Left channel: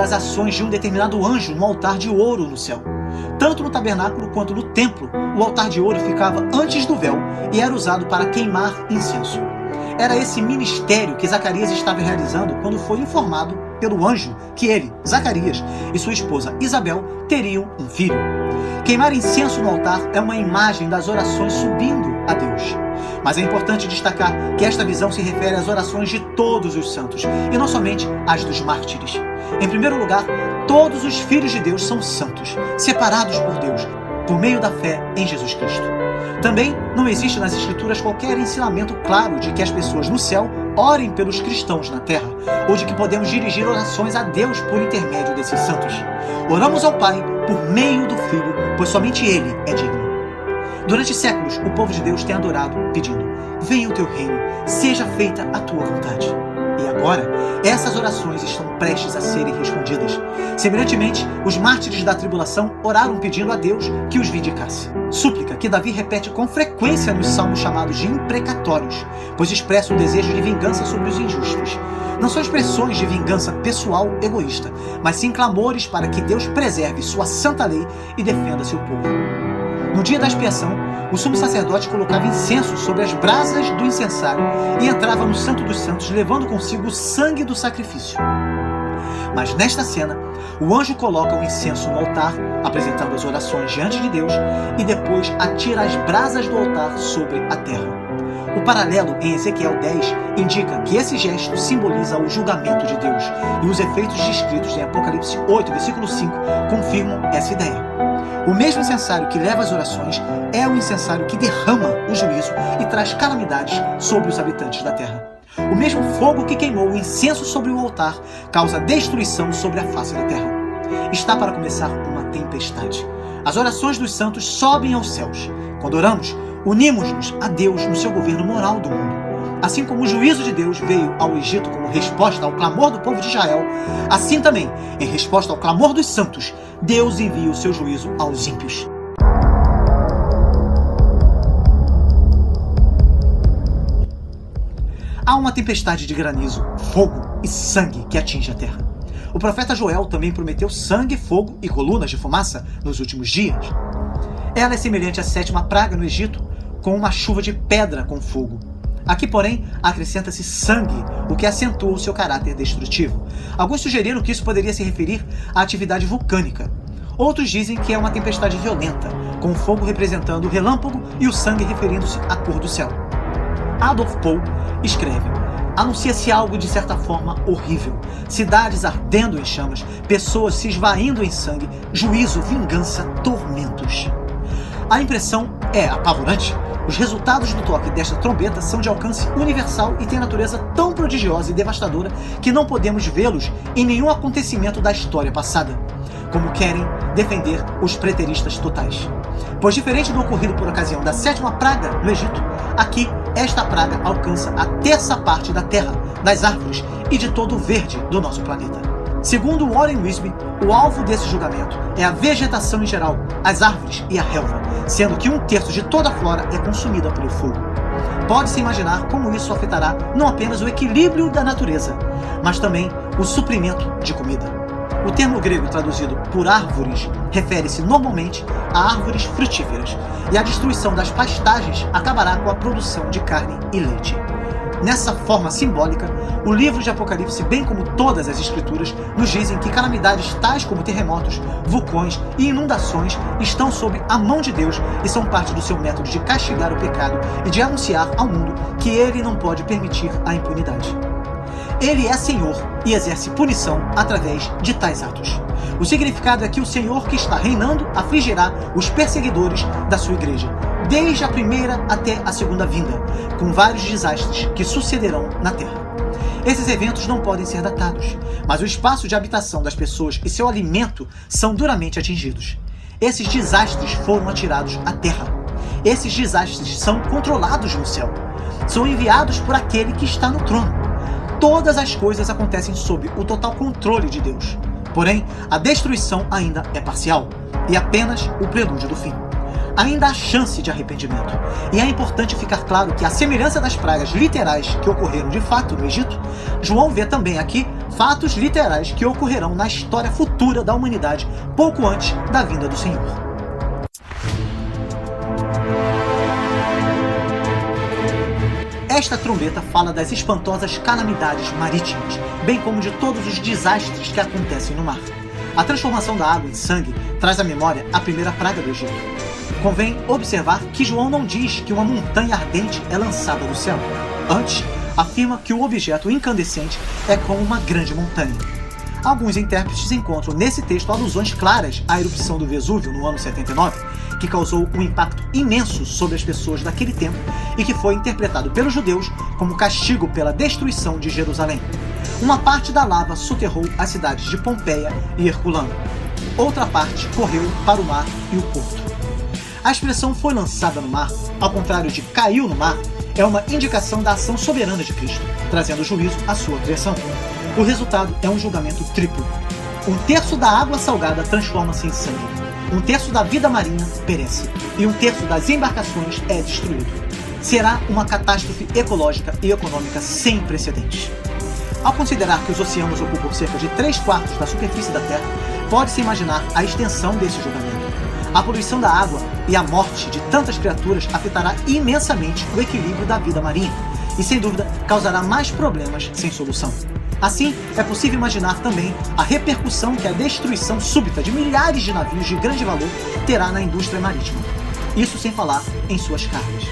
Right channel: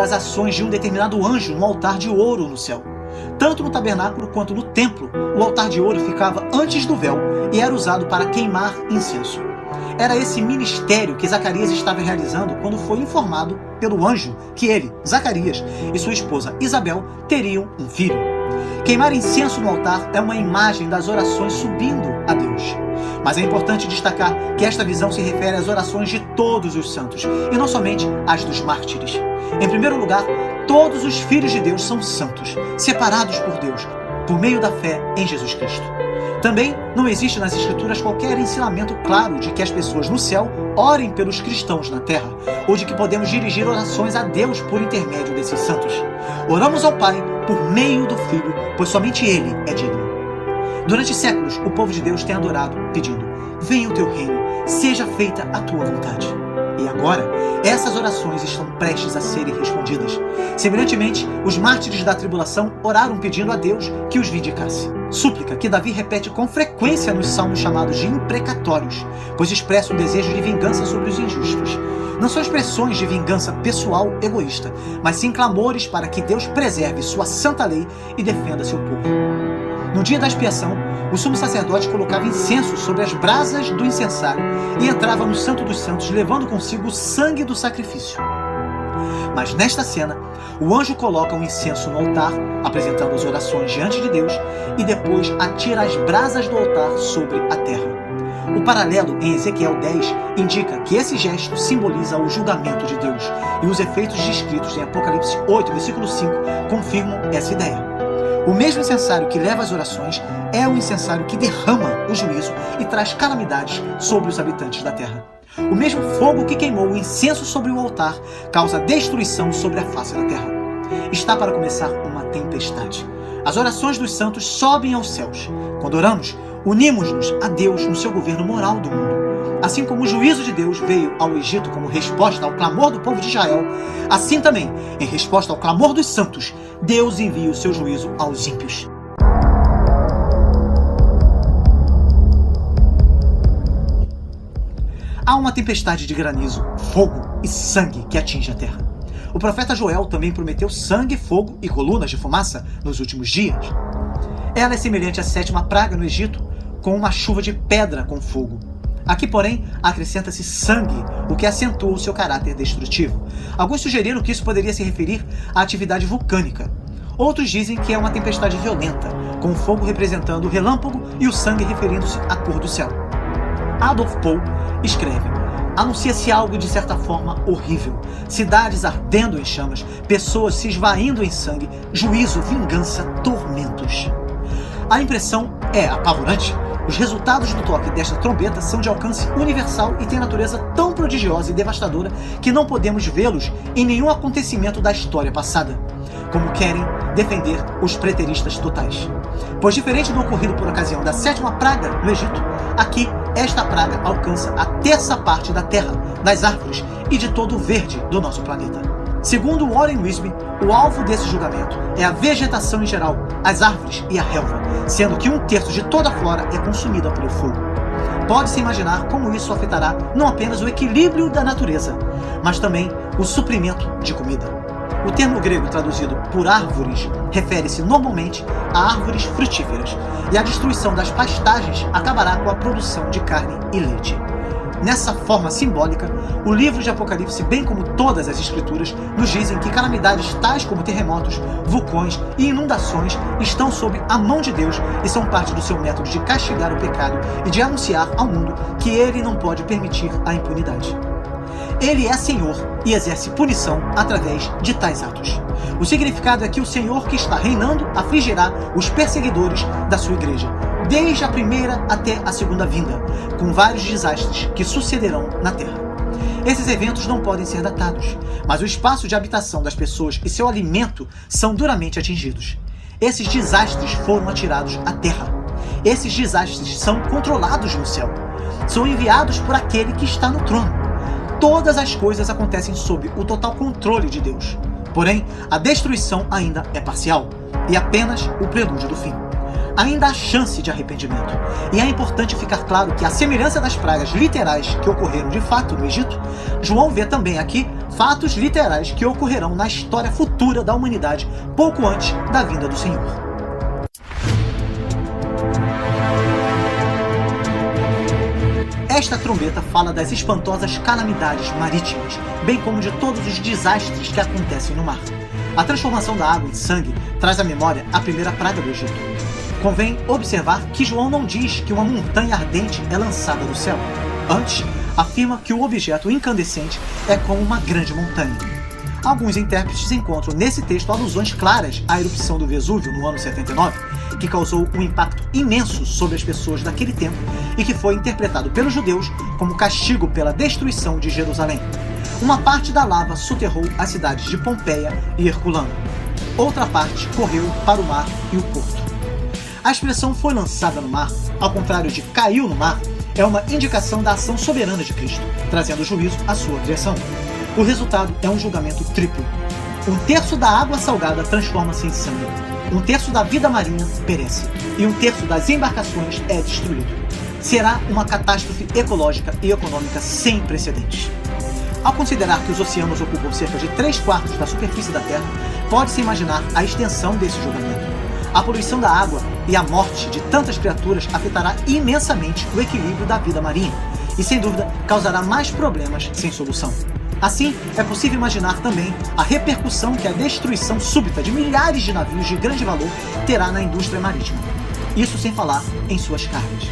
das ações de um determinado anjo no altar de ouro no céu. Tanto no tabernáculo quanto no templo, o altar de ouro ficava antes do véu e era usado para queimar incenso. Era esse ministério que Zacarias estava realizando quando foi informado pelo anjo que ele, Zacarias, e sua esposa Isabel teriam um filho. Queimar incenso no altar é uma imagem das orações subindo a Deus. Mas é importante destacar que esta visão se refere às orações de todos os santos, e não somente às dos mártires. Em primeiro lugar, todos os filhos de Deus são santos, separados por Deus, por meio da fé em Jesus Cristo. Também não existe nas Escrituras qualquer ensinamento claro de que as pessoas no céu orem pelos cristãos na terra, ou de que podemos dirigir orações a Deus por intermédio desses santos. Oramos ao Pai por meio do Filho, pois somente Ele é digno. Durante séculos, o povo de Deus tem adorado, pedindo: venha o teu reino, seja feita a tua vontade. E agora, essas orações estão prestes a serem respondidas. Semelhantemente, os mártires da tribulação oraram pedindo a Deus que os vindicasse. Súplica que Davi repete com frequência nos salmos chamados de imprecatórios, pois expressa o desejo de vingança sobre os injustos. Não são expressões de vingança pessoal egoísta, mas sim clamores para que Deus preserve sua santa lei e defenda seu povo. No dia da expiação, o sumo sacerdote colocava incenso sobre as brasas do incensário e entrava no Santo dos Santos, levando consigo o sangue do sacrifício. Mas nesta cena, o anjo coloca o incenso no altar, apresentando as orações diante de Deus, e depois atira as brasas do altar sobre a terra. O paralelo em Ezequiel 10 indica que esse gesto simboliza o julgamento de Deus, e os efeitos descritos em Apocalipse 8, versículo 5, confirmam essa ideia. O mesmo incensário que leva as orações é o incensário que derrama o juízo e traz calamidades sobre os habitantes da terra. O mesmo fogo que queimou o incenso sobre o altar causa destruição sobre a face da terra. Está para começar uma tempestade. As orações dos santos sobem aos céus. Quando oramos, unimos-nos a Deus no seu governo moral do mundo. Assim como o juízo de Deus veio ao Egito como resposta ao clamor do povo de Israel, assim também, em resposta ao clamor dos santos, Deus envia o seu juízo aos ímpios. Há uma tempestade de granizo, fogo e sangue que atinge a terra. O profeta Joel também prometeu sangue, fogo e colunas de fumaça nos últimos dias. Ela é semelhante à 7ª praga no Egito, com uma chuva de pedra com fogo. Aqui, porém, acrescenta-se sangue, porque acentua o seu caráter destrutivo. Alguns sugeriram que isso poderia se referir à atividade vulcânica. Outros dizem que é uma tempestade violenta, com o fogo representando o relâmpago e o sangue referindo-se à cor do céu. Adolf Pohl escreve: anuncia-se algo de certa forma horrível. Cidades ardendo em chamas, pessoas se esvaindo em sangue, juízo, vingança, tormentos. A impressão é apavorante. Os resultados do toque desta trombeta são de alcance universal e têm natureza tão prodigiosa e devastadora que não podemos vê-los em nenhum acontecimento da história passada, como querem defender os preteristas totais. Pois, diferente do ocorrido por ocasião da 7ª praga do Egito, aqui esta praga alcança a terça parte da terra, das árvores e de todo o verde do nosso planeta. Segundo Warren Wiersbe, o alvo desse julgamento é a vegetação em geral, as árvores e a relva, sendo que 1/3 de toda a flora é consumida pelo fogo. Pode-se imaginar como isso afetará não apenas o equilíbrio da natureza, mas também o suprimento de comida. O termo grego traduzido por árvores refere-se normalmente a árvores frutíferas, e a destruição das pastagens acabará com a produção de carne e leite. Nessa forma simbólica, o livro de Apocalipse, bem como todas as escrituras, nos dizem que calamidades tais como terremotos, vulcões e inundações estão sob a mão de Deus e são parte do seu método de castigar o pecado e de anunciar ao mundo que ele não pode permitir a impunidade. Ele é Senhor e exerce punição através de tais atos. O significado é que o Senhor que está reinando afligirá os perseguidores da sua igreja, desde a primeira até a segunda vinda, com vários desastres que sucederão na terra. Esses eventos não podem ser datados, mas o espaço de habitação das pessoas e seu alimento são duramente atingidos. Esses desastres foram atirados à terra. Esses desastres são controlados no céu. São enviados por aquele que está no trono. Todas as coisas acontecem sob o total controle de Deus. Porém, a destruição ainda é parcial e apenas o prelúdio do fim. ainda há chance de arrependimento. E é importante ficar claro que, à semelhança das pragas literais que ocorreram de fato no Egito, João vê também aqui fatos literais que ocorrerão na história futura da humanidade, pouco antes da vinda do Senhor. Esta trombeta fala das espantosas calamidades marítimas, bem como de todos os desastres que acontecem no mar. A transformação da água em sangue traz à memória a primeira praga do Egito. Convém observar que João não diz que uma montanha ardente é lançada do céu. Antes, afirma que o objeto incandescente é como uma grande montanha. Alguns intérpretes encontram nesse texto alusões claras à erupção do Vesúvio no ano 79, que causou um impacto imenso sobre as pessoas daquele tempo e que foi interpretado pelos judeus como castigo pela destruição de Jerusalém. Uma parte da lava soterrou as cidades de Pompeia e Herculano. Outra parte correu para o mar e o porto. A expressão foi lançada no mar, ao contrário de caiu no mar, é uma indicação da ação soberana de Cristo, trazendo juízo à sua criação. O resultado é um julgamento triplo. Um terço da água salgada transforma-se em sangue. Um terço da vida marinha perece. E um terço das embarcações é destruído. Será uma catástrofe ecológica e econômica sem precedentes. Ao considerar que os oceanos ocupam cerca de 3/4 da superfície da Terra, pode-se imaginar a extensão desse julgamento. A poluição da água e a morte de tantas criaturas afetará imensamente o equilíbrio da vida marinha e, sem dúvida, causará mais problemas sem solução. Assim, é possível imaginar também a repercussão que a destruição súbita de milhares de navios de grande valor terá na indústria marítima. Isso sem falar em suas cargas.